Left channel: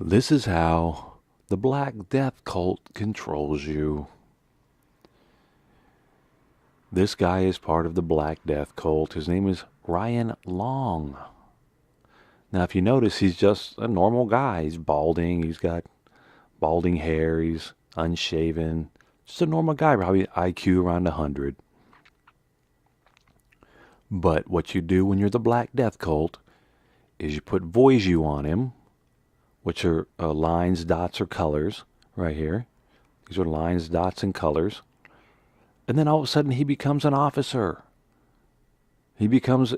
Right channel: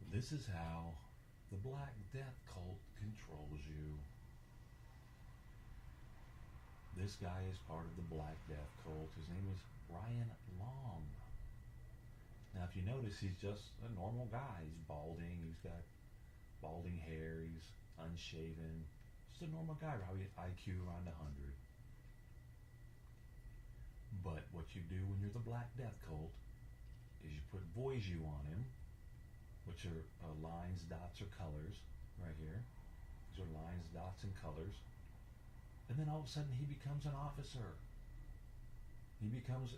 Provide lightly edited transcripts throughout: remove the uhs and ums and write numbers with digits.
This is how the Black Death cult controls you. This guy is part of the Black Death cult. His name is Ryan Long. Now, if you notice, he's just a normal guy. He's balding. He's got balding hair. He's unshaven. Just a normal guy, probably IQ around 100. But what you do when you're the Black Death cult is you put Voiju on him, which are lines, dots, or colors right here. These are lines, dots, and colors. And then all of a sudden he becomes an officer. He becomes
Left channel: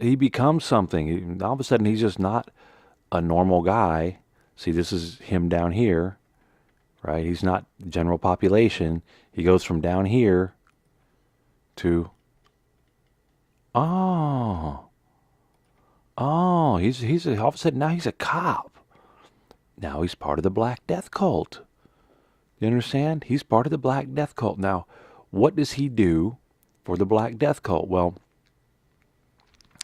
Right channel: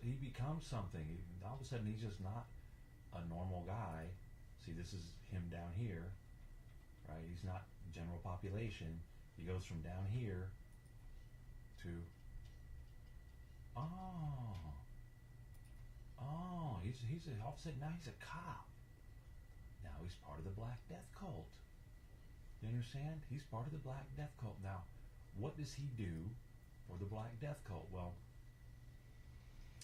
something. All of a sudden he's just not a normal guy. See, this is him down here, right? He's not general population. He goes from down here to oh, he's all of a sudden now he's a cop. Now he's part of the Black Death cult. You understand? He's part of the Black Death cult. Now, what does he do for the Black Death cult? Well,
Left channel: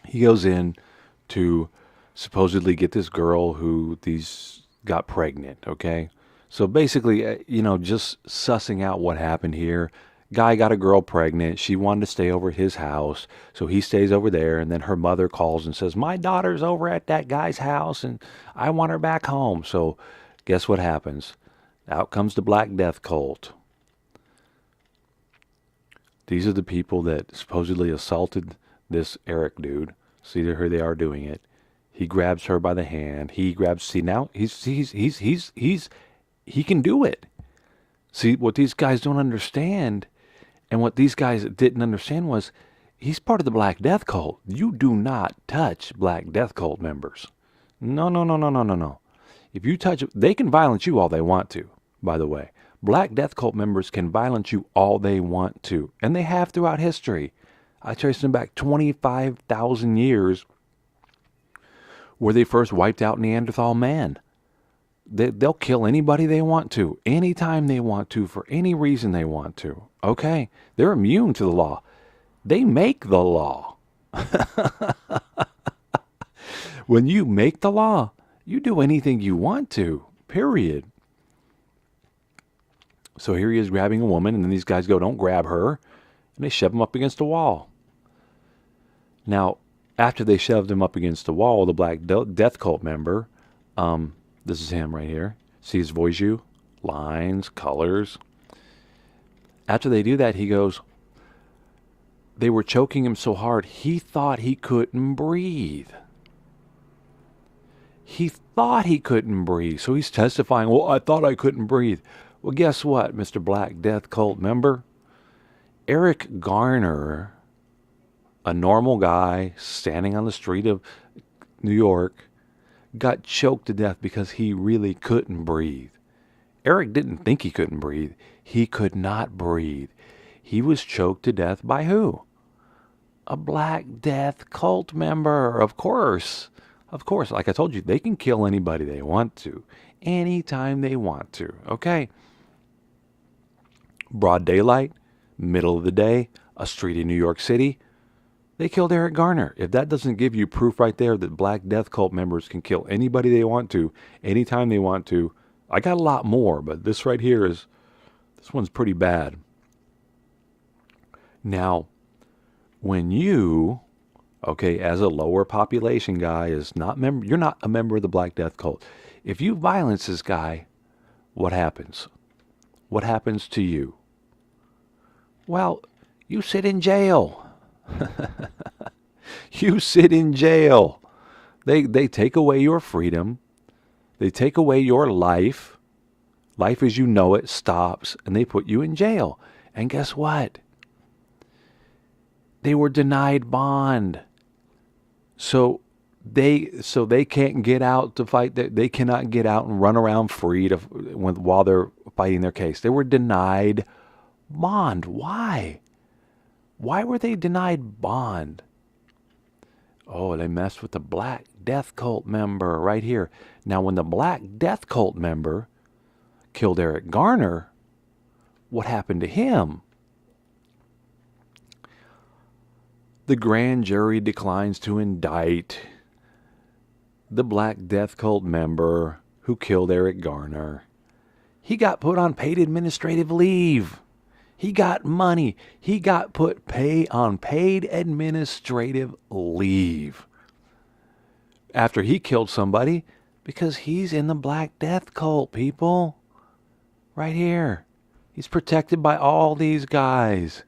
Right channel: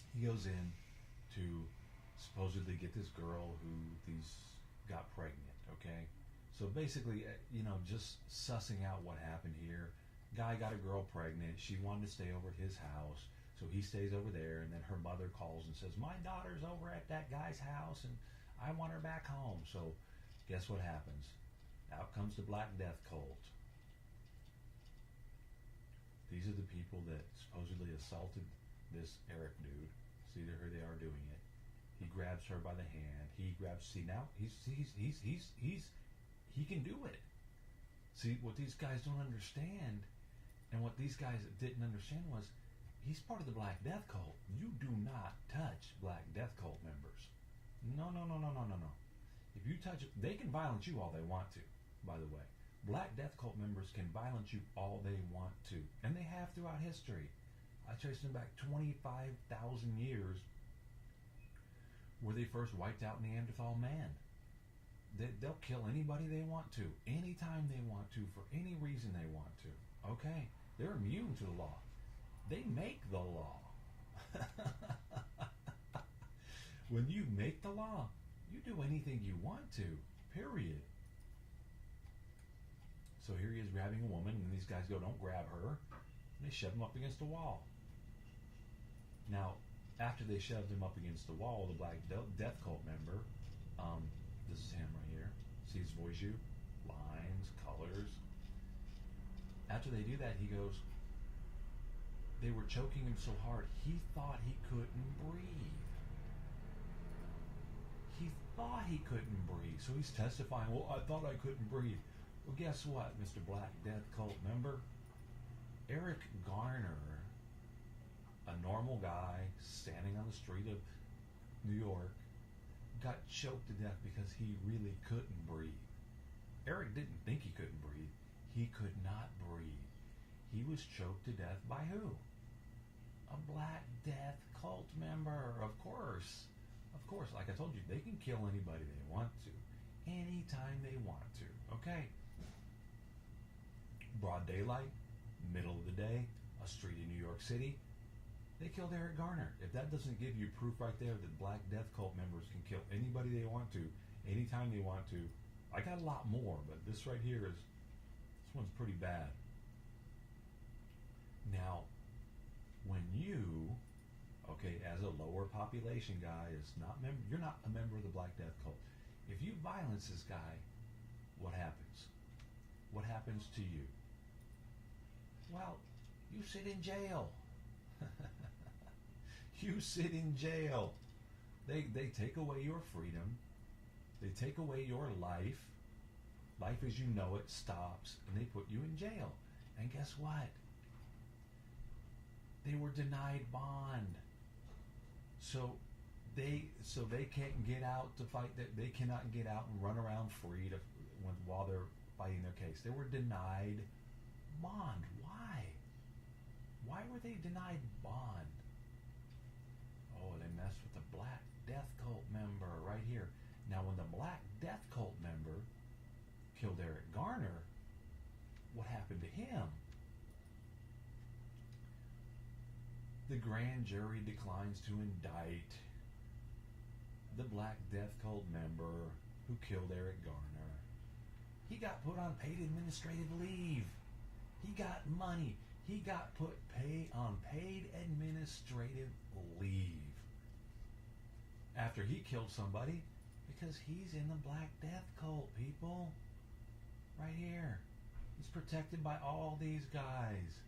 he goes in to supposedly get this girl who these got pregnant, okay? So basically, just sussing out what happened here. Guy got a girl pregnant. She wanted to stay over at his house, so he stays over there. And then her mother calls and says, "My daughter's over at that guy's house, and I want her back home." So, guess what happens? Out comes the Black Death cult. These are the people that supposedly assaulted this Eric dude. See, here they are doing it. He grabs her by the hand. He grabs. See, now he can do it. See, what these guys don't understand, and what these guys didn't understand was, he's part of the Black Death cult. You do not touch Black Death cult members. No, no, no, no, no, no, no. If you touch, they can violence you all they want to. By the way, Black Death cult members can violence you all they want to, and they have throughout history. I traced them back 25,000 years, where they first wiped out Neanderthal man. They'll kill anybody they want to, anytime they want to, for any reason they want to. Okay? They're immune to the law. They make the law. When you make the law, you do anything you want to, period. So here he is grabbing a woman, and then these guys go, "Don't grab her." And they shove him up against a wall. Now, after they shoved him up against the wall, the Black Death cult member, this is him right here. See his Voiju? Lines, colors. After they do that, he goes, they were choking him so hard, he thought he couldn't breathe. He thought he couldn't breathe. So he's testifying, "Well, I thought I couldn't breathe." Well, guess what, Mr. Black Death cult member? Eric Garner, a normal guy standing on the street of New York, got choked to death because he really couldn't breathe. Eric didn't think he couldn't breathe. He could not breathe. He was choked to death by who? A Black Death cult member, of course. Of course, like I told you, they can kill anybody they want to, anytime they want to, okay? Broad daylight, middle of the day, a street in New York City, they killed Eric Garner. If that doesn't give you proof right there that Black Death cult members can kill anybody they want to, anytime they want to, I got a lot more, but this right here this one's pretty bad. Now, when you, okay, as a lower population guy, you're not a member of the Black Death cult. If you violence this guy, what happens? What happens to you? Well, you sit in jail. You sit in jail. They take away your freedom. They take away your life. Life as you know it stops, and they put you in jail. And guess what? They were denied bond. So they can't get out to fight. They cannot get out and run around free while they're fighting their case. They were denied bond. Why? Why were they denied bond? Oh, they messed with the Black Death cult member right here. Now, when the Black Death cult member killed Eric Garner, what happened to him? The grand jury declines to indict the Black Death cult member who killed Eric Garner. He got put on paid administrative leave. He got money. He got put on paid administrative leave after he killed somebody because he's in the Black Death cult, people. Right here. He's protected by all these guys.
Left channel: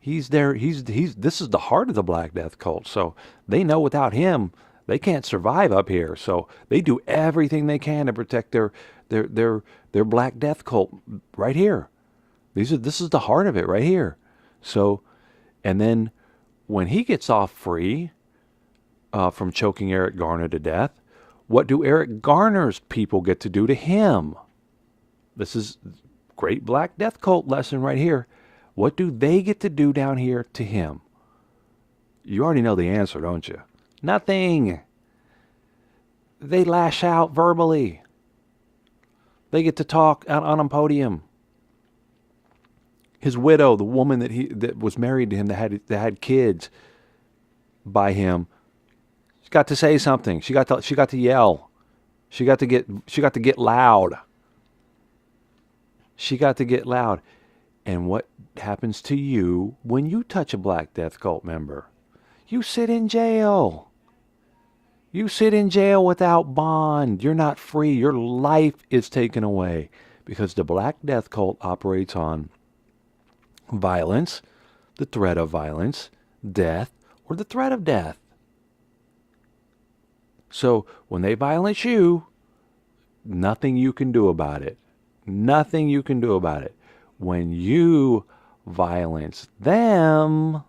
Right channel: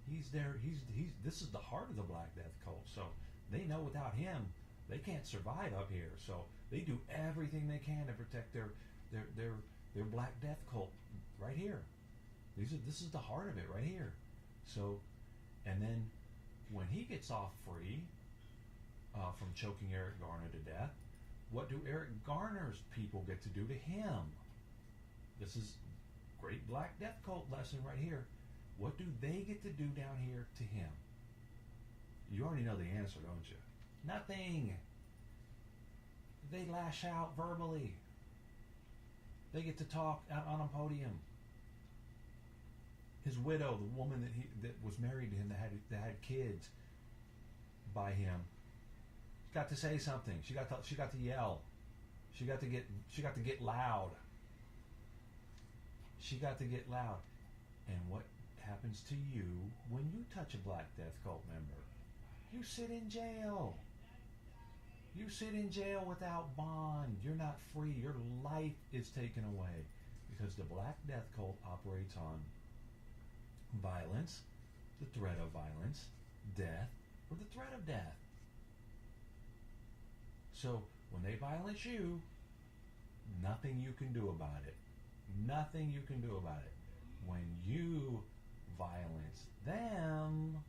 He's there. This is the heart of the Black Death cult. So they know without him, they can't survive up here. So they do everything they can to protect their Black Death cult right here. This is the heart of it right here. So, and then when he gets off free from choking Eric Garner to death, what do Eric Garner's people get to do to him? This is great Black Death cult lesson right here. What do they get to do down here to him? You already know the answer, don't you? Nothing. They lash out verbally. They get to talk out on a podium. His widow, the woman that was married to him, that had kids by him, she got to say something. She got to yell. She got to get loud. She got to get loud. And what happens to you when you touch a Black Death cult member? You sit in jail. You sit in jail without bond. You're not free. Your life is taken away because the Black Death cult operates on violence, the threat of violence, death, or the threat of death. So when they violence you, nothing you can do about it. Nothing you can do about it. When you violence them,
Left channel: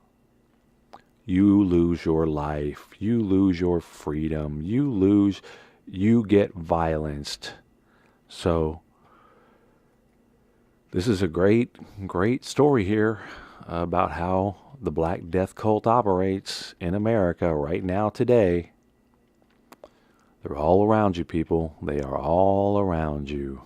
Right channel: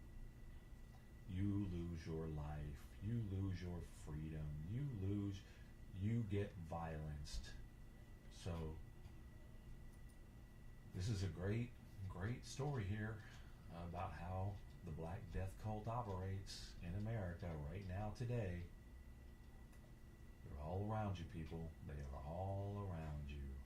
you lose your life. You lose your freedom. You get violenced. So this is a great story here about how the Black Death cult operates in America right now today. They're all around you, people. They are all around you.